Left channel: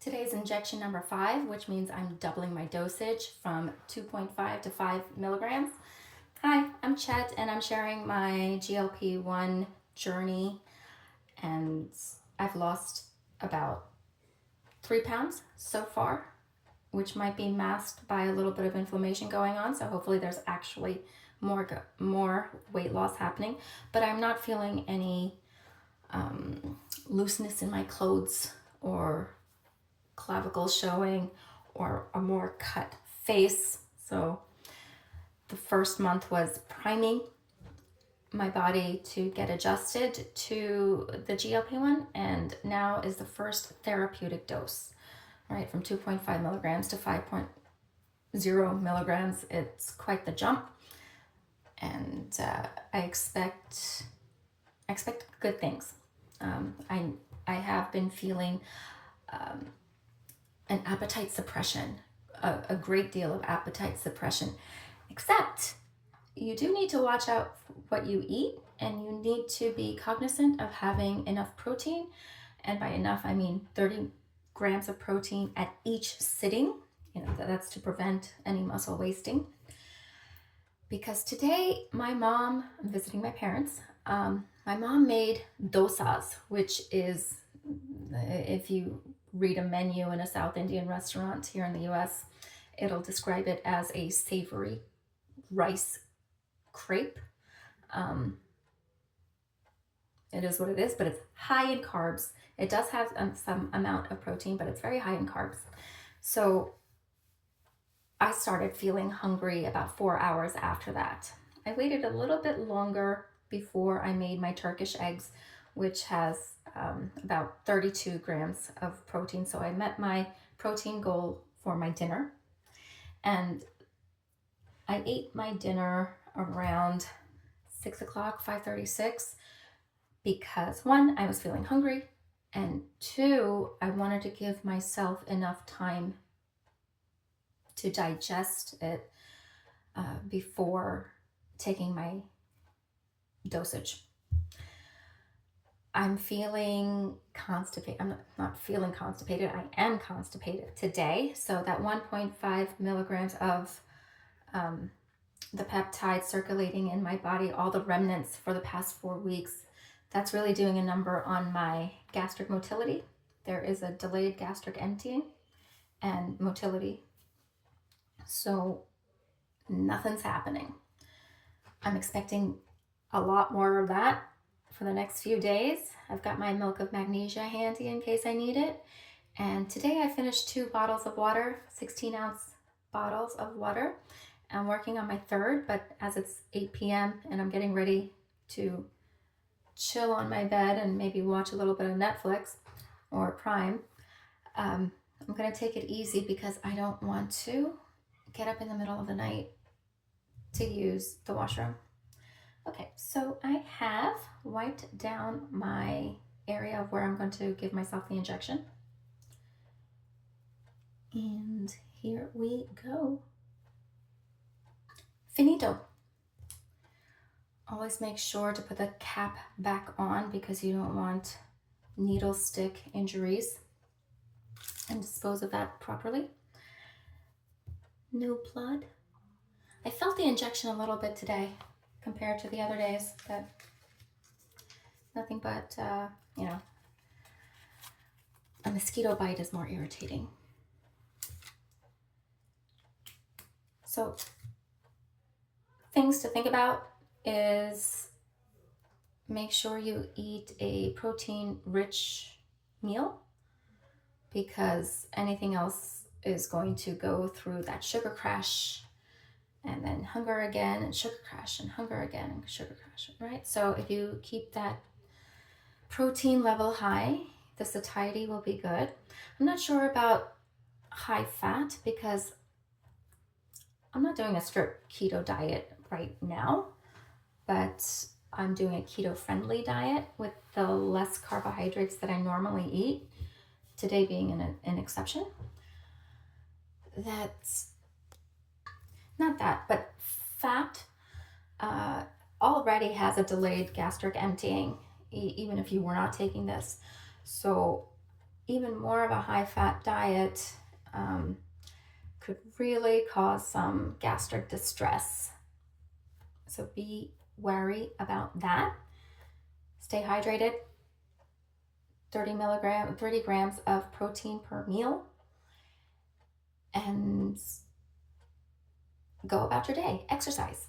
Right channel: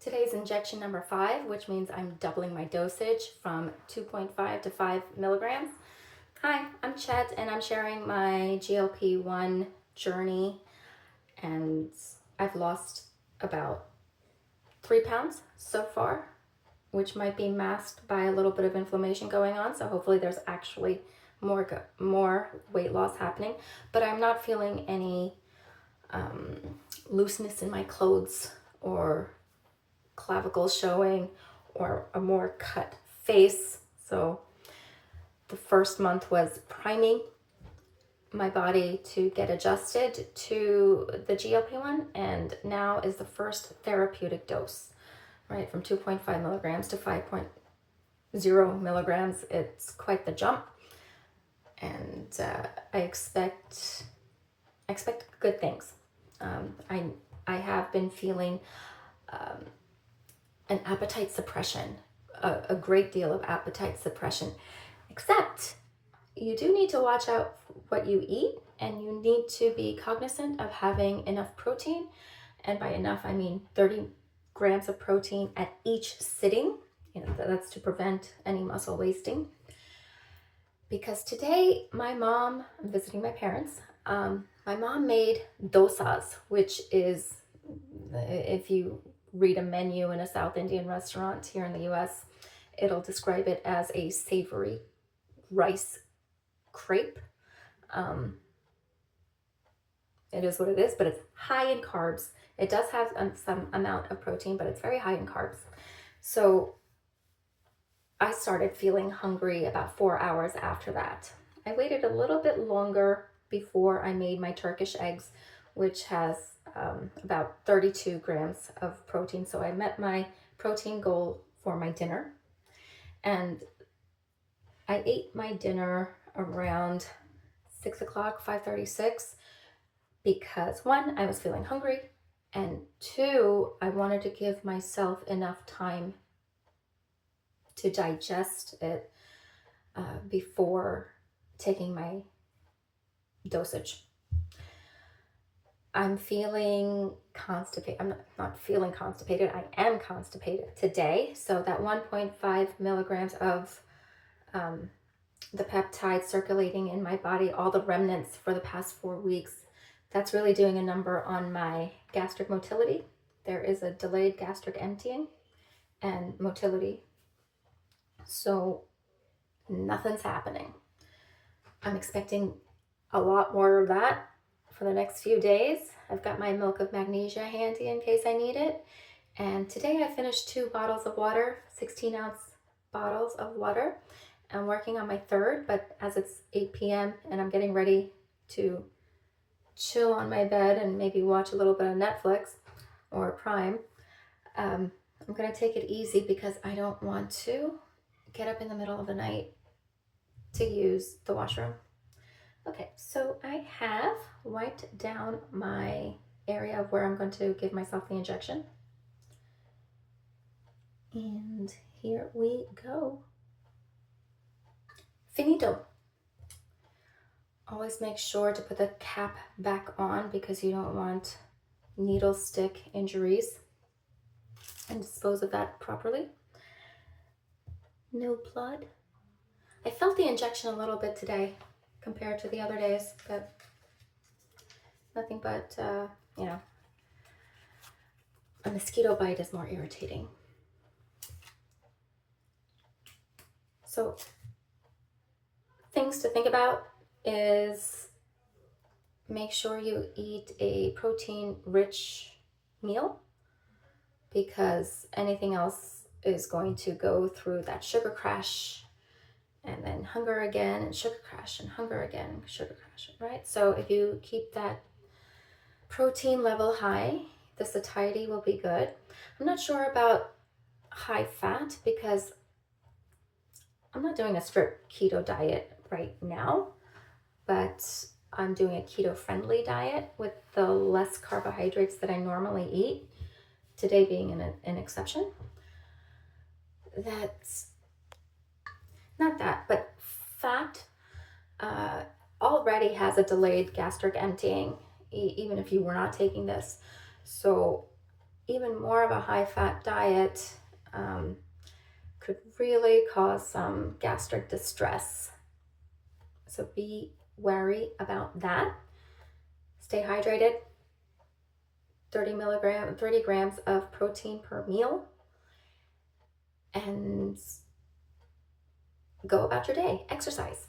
Today's injection number 5, which means I'm doubling my dosage from 2.5 to 5 milligrams. Hi, I'm Chet, and I'm sharing my GLP-1 journey, and I've lost about 3 pounds so far, which might be masked by a little bit of inflammation going on, so hopefully there's actually more weight loss happening, but I'm not feeling any looseness in my clothes or clavicle showing or a more cut face. So the first month was priming my body to get adjusted to the GLP-1, and now is the first therapeutic dose, right? From 2.5 milligrams to 5.0 milligrams. It's quite the jump, and I expect good things. I have been feeling an appetite suppression, a great deal of appetite suppression, except you do need to watch out what you eat, and you need to be cognizant of having enough protein. And by enough, I mean 30 grams of protein at each sitting. That's to prevent any muscle wasting. Because today, I'm visiting my parents. My mom made dosas, which is, if you read a menu in a South Indian restaurant here in the US, it'll describe it as a savory rice crepe. It is what it is, but it's high in carbs. It does have some amount of protein, but it's very high in carbs. So I started feeling hungry about 4 hours after that. I waited a little bit longer before I made my Turkish eggs, which has about 32 grams of protein. So I met my protein goal for my dinner. And I ate my dinner around 6 o'clock, 5:36, because 1, I was feeling hungry, and 2, I wanted to give myself enough time to digest it before taking my dosage. I'm feeling constipated. I'm not feeling constipated. I am constipated today. So that 1.5 milligrams of the peptide circulating in my body, all the remnants for the past 4 weeks, that's really doing a number on my gastric motility. There is a delayed gastric emptying and motility. So nothing's happening. I'm expecting a lot more of that for the next few days. I've got my milk of magnesia handy in case I need it. And today I finished 2 bottles of water, 16-ounce bottles of water. I'm working on my 3rd, but as it's 8 p.m. and I'm getting ready to chill on my bed and maybe watch a little bit of Netflix or Prime, I'm going to take it easy because I don't want to get up in the middle of the night to use the washroom. Okay, so I have wiped down my area of where I'm going to give myself the injection. And here we go. Finito. Always make sure to put the cap back on because you don't want needle stick injuries, and dispose of that properly. No blood. I felt the injection a little bit today compared to the other days, but nothing but, a mosquito bite is more irritating. So things to think about is make sure you eat a protein-rich meal, because anything else is going to go through that sugar crash and then hunger again and sugar crash and hunger again and sugar crash, right? So if you keep that protein level high, the satiety will be good. I'm not sure about high fat because I'm not doing a strict keto diet right now, but I'm doing a keto-friendly diet with the less carbohydrates that I normally eat, today being an exception. That's not that, but fat already has a delayed gastric emptying, even if you were not taking this. So even more of a high-fat diet could really cause some gastric distress. So be wary about that. Stay hydrated. 30 grams of protein per meal, and go about your day. Exercise.